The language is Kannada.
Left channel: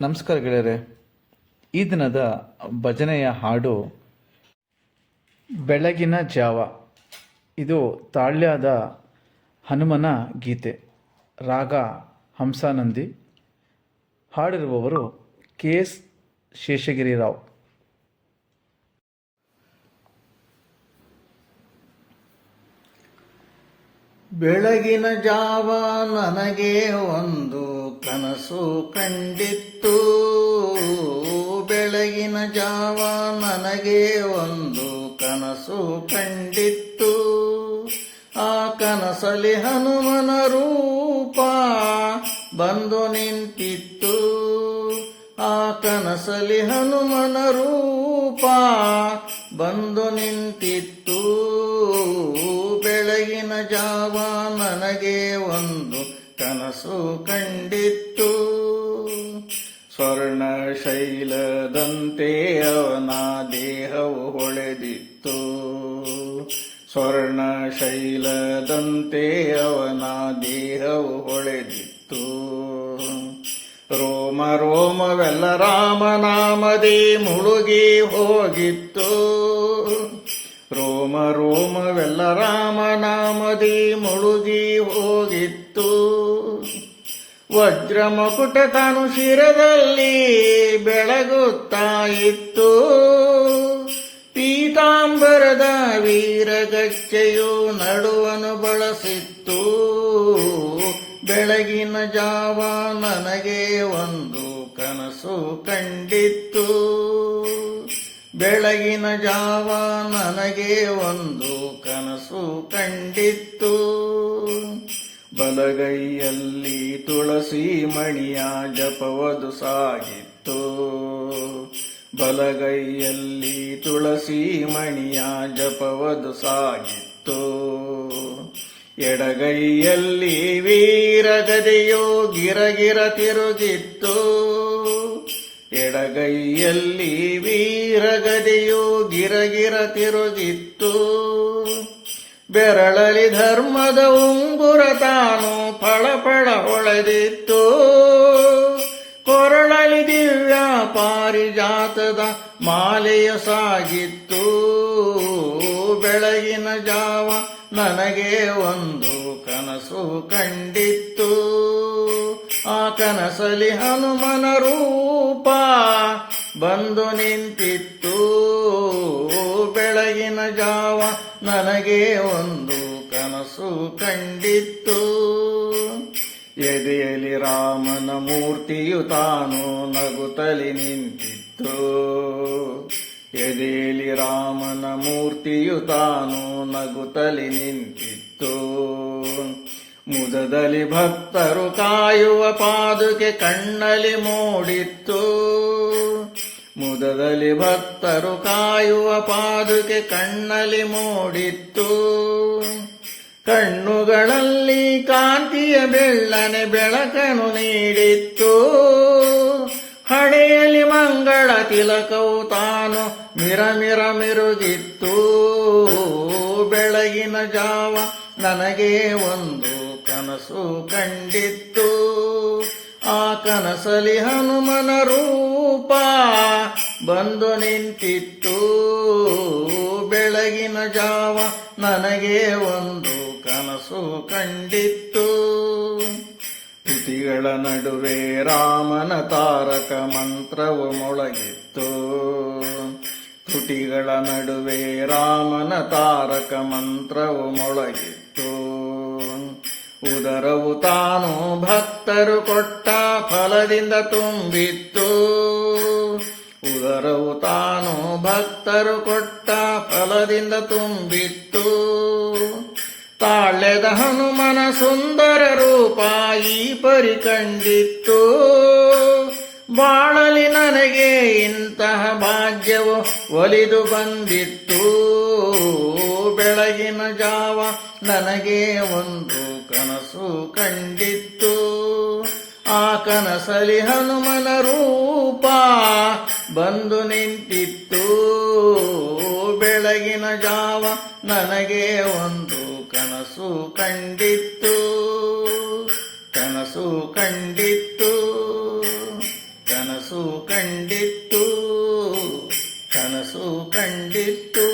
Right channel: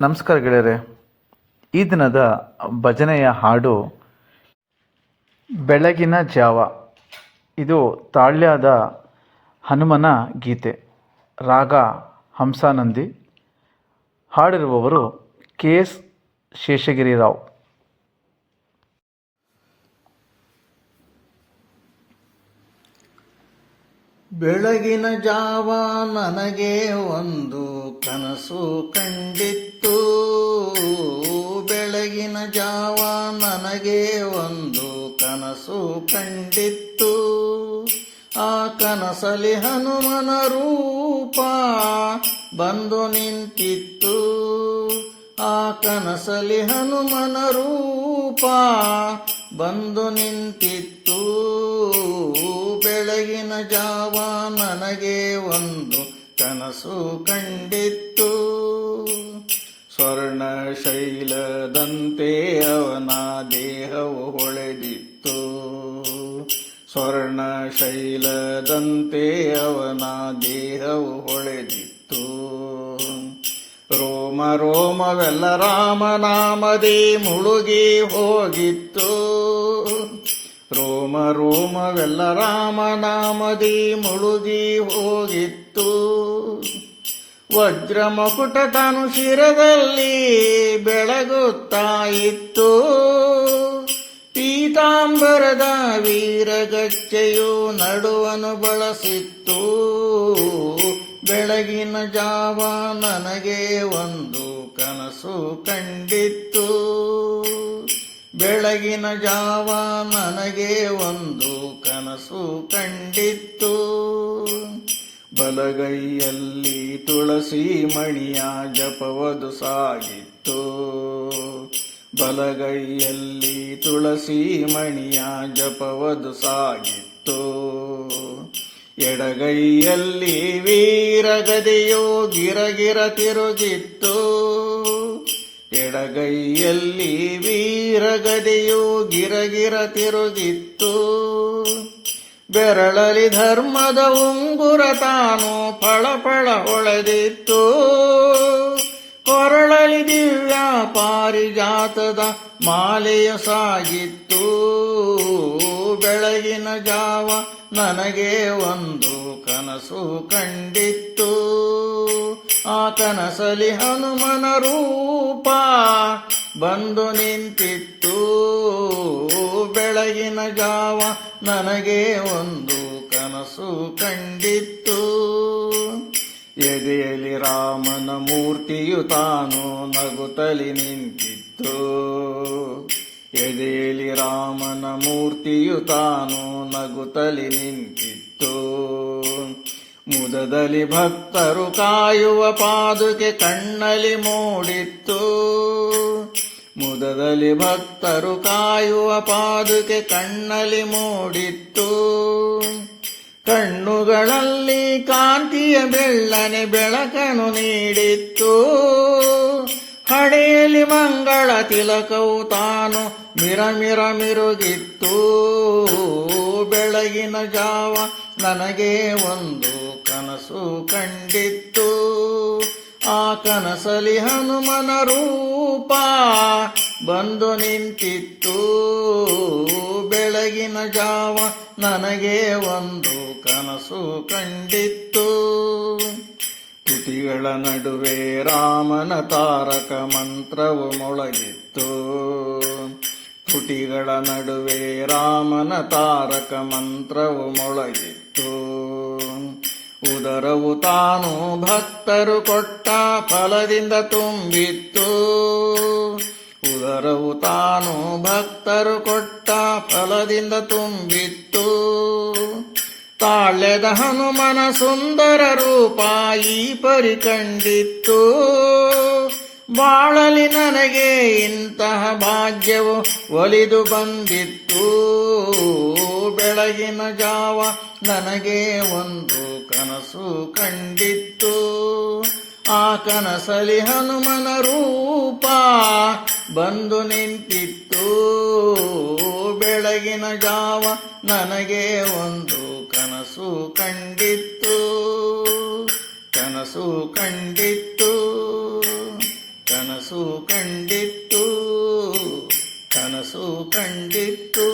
ನಮಸ್ಕಾರ ಗೆಳೆಯರೆ. ಈ ದಿನದ ಭಜನೆಯ ಹಾಡು ಬೆಳಗಿನ ಜಾವ. ಇದು ತಾಳ್ಯದ ಹನುಮನ ಗೀತೆ. ರಾಗ ಹಂಸಾನಂದಿ. ಹಾಡಿರುವವರು ಕೆ.ಎಸ್. ಶೇಷಗಿರಿರಾವ್. ಬೆಳಗಿನ ಜಾವ ನನಗೆ ಒಂದು ಕನಸು ಕಂಡಿತ್ತು. ಬೆಳಗಿನ ಜಾವ ನನಗೆ ಒಂದು ಕನಸು ಕಂಡಿತ್ತು. ಆ ಕನಸಲಿ ಹನುಮನ ರೂಪ ಬಂದು ನಿಂತಿತ್ತು. ಆ ಕನಸಲಿ ಹನುಮನ ರೂಪ ಬಂದು ನಿಂತಿತ್ತು. ಬೆಳಗಿನ ಜಾವ ನನಗೆ ಒಂದು ಕನಸು ಕಂಡಿತ್ತು. ಸ್ವರ್ಣ ಶೈಲದಂತೆ ಅವನ ದೇಹವು ಹೊಳೆದಿತ್ತು. ಸ್ವರ್ಣ ಶೈಲದಂತೆ ಅವನ ದೇಹವು ಹೊಳೆದಿತ್ತು. ರೋಮ ರೋಮವೆಲ್ಲ ರಾಮನಾಮದಿ ಮುಳುಗಿ ಹೋಗಿತ್ತು. ರೋಮ ರೋಮವೆಲ್ಲ ರಾಮನಾಮದಿ ಮುಳುಗಿ ಹೋಗಿತ್ತು. ವಜ್ರ ಮಕುಟ ತಾನು ಶಿರದಲ್ಲಿ ಬೆಳಗುತ್ತಾ ಇತ್ತು. ಪೀತಾಂಬರದ ವೀರಗಚ್ಚೆಯು ನಡುವನು ಬಳಸಿತ್ತು. ಬೆಳಗಿನ ಜಾವ ನನಗೆ ಒಂದು ಕನಸು ಕಂಡಿತ್ತು. ಬೆಳಗಿನ ಜಾವ ನನಗೆ ಒಂದು ಕನಸು ಕಂಡಿತ್ತು. ಬಲಗೈಯಲ್ಲಿ ತುಳಸಿ ಮಣಿಯ ಜಪವದು ಸಾಗಿತ್ತು. ಬಲಗೈಯಲ್ಲಿ ತುಳಸಿ ಮಣಿಯ ಜಪವದು ಸಾಗಿತ್ತು. ಎಡಗೈಯಲ್ಲಿ ವೀರಗದೆಯೋ ಗಿರಗಿರ ತಿರುಗಿತ್ತು. ಎಡಗೈಯಲ್ಲಿ ವೀರಗದೆಯೋ ಗಿರಗಿರ ತಿರುಗಿತ್ತು. ಬೆರಳಲಿ ಧರ್ಮದ ಉಂಗುರ ತಾನು ಫಳಫಳ ಹೊಳೆದಿತ್ತು. ಕೊರಳಲಿ ದಿವ್ಯ ಪಾರಿಜಾತದ ಮಾಲೆಯ ಸಾಗಿತ್ತು. ಬೆಳಗಿನ ಜಾವ ನನಗೆ ಒಂದು ಕನಸು ಕಂಡಿತ್ತು. ಆ ಕನಸಲಿ ಹನುಮನ ರೂಪ ಬಂದು ನಿಂತಿತ್ತು. ಬೆಳಗಿನ ಜಾವ ನನಗೆ ಒಂದು ಕನಸು ಕಂಡಿತ್ತು. ಎದೆಯಲ್ಲಿ ರಾಮನ ಮೂರ್ತಿಯು ತಾನು ನಗುತ್ತಲಿ ನಿಂತಿತ್ತು. ಎದೆಯಲ್ಲಿ ರಾಮನ ಮೂರ್ತಿಯು ತಾನು ನಗುತ್ತಲಿ ನಿಂತಿತ್ತು. ಮುದದಲ್ಲಿ ಭಕ್ತರು ಕಾಯುವ ಪಾದುಕೆ ಕಣ್ಣಲ್ಲಿ ಮೂಡಿತ್ತು. ಮುದದಲ್ಲಿ ಭಕ್ತರು ಕಾಯುವ ಪಾದುಕೆ ಕಣ್ಣಲ್ಲಿ ಮೂಡಿತ್ತು. ಕಣ್ಣುಗಳಲ್ಲಿ ಕಾಂತಿಯ ಬೆಳ್ಳನೆ ಬೆಳಕನ್ನು ನೀಡಿತ್ತು. ಹಣೆಯಲ್ಲಿ ಮಂಗಳ ತಿಲಕವು ತಾನು ಮಿರಮಿರ ಮಿರುಗಿತ್ತು. ಬೆಳಗಿನ ಜಾವ ನನಗೆ ಒಂದು ಕನಸು ಕಂಡಿತ್ತು. ಆ ಕನಸಲಿ ಹನುಮನ ರೂಪ ಬಂದು ನಿಂತಿತ್ತು. ಬೆಳಗಿನ ಜಾವ ನನಗೆ ಒಂದು ಕನಸು ಕಂಡಿತ್ತು. ತುಟಿಗಳ ನಡುವೆ ರಾಮನ ತಾರಕ ಮಂತ್ರವು ಮೊಳಗಿತ್ತು. ತುಟಿಗಳ ನಡುವೆ ರಾಮನ ತಾರಕ ಮಂತ್ರವು ಮೊಳಗಿತ್ತು. ಉದರವು ತಾನು ಭಕ್ತರು ಕೊಟ್ಟ ಫಲದಿಂದ ತುಂಬಿತ್ತು. ಉದರವು ತಾನು ಭಕ್ತರು ಕೊಟ್ಟ ಫಲದಿಂದ ತುಂಬಿತ್ತು. ತಾಳ್ಯದ ಹನುಮನ ಸುಂದರ ರೂಪ ಈ ಪರಿ ಕಂಡಿತ್ತು. ಬಾಳಲಿ ನನಗೆ ಇಂತಹ ಭಾಗ್ಯವು ಒಲಿದು ಬಂದಿತ್ತು. ಬೆಳಗಿನ ಜಾವ ನನಗೆ ಒಂದು ಕನಸು ಕಂಡಿತ್ತು. ಆ ಕನಸಲಿ ಹನುಮನ ರೂಪ ಬಂದು ನಿಂತಿತ್ತು. ಬೆಳಗಿನ ಜಾವ ನನಗೆ ಒಂದು ಕನಸು ಕಂಡಿತ್ತು. ಕನಸು ಕಂಡಿತ್ತು. ಕನಸು ಕನಸು ಕಂಡಿತ್ತು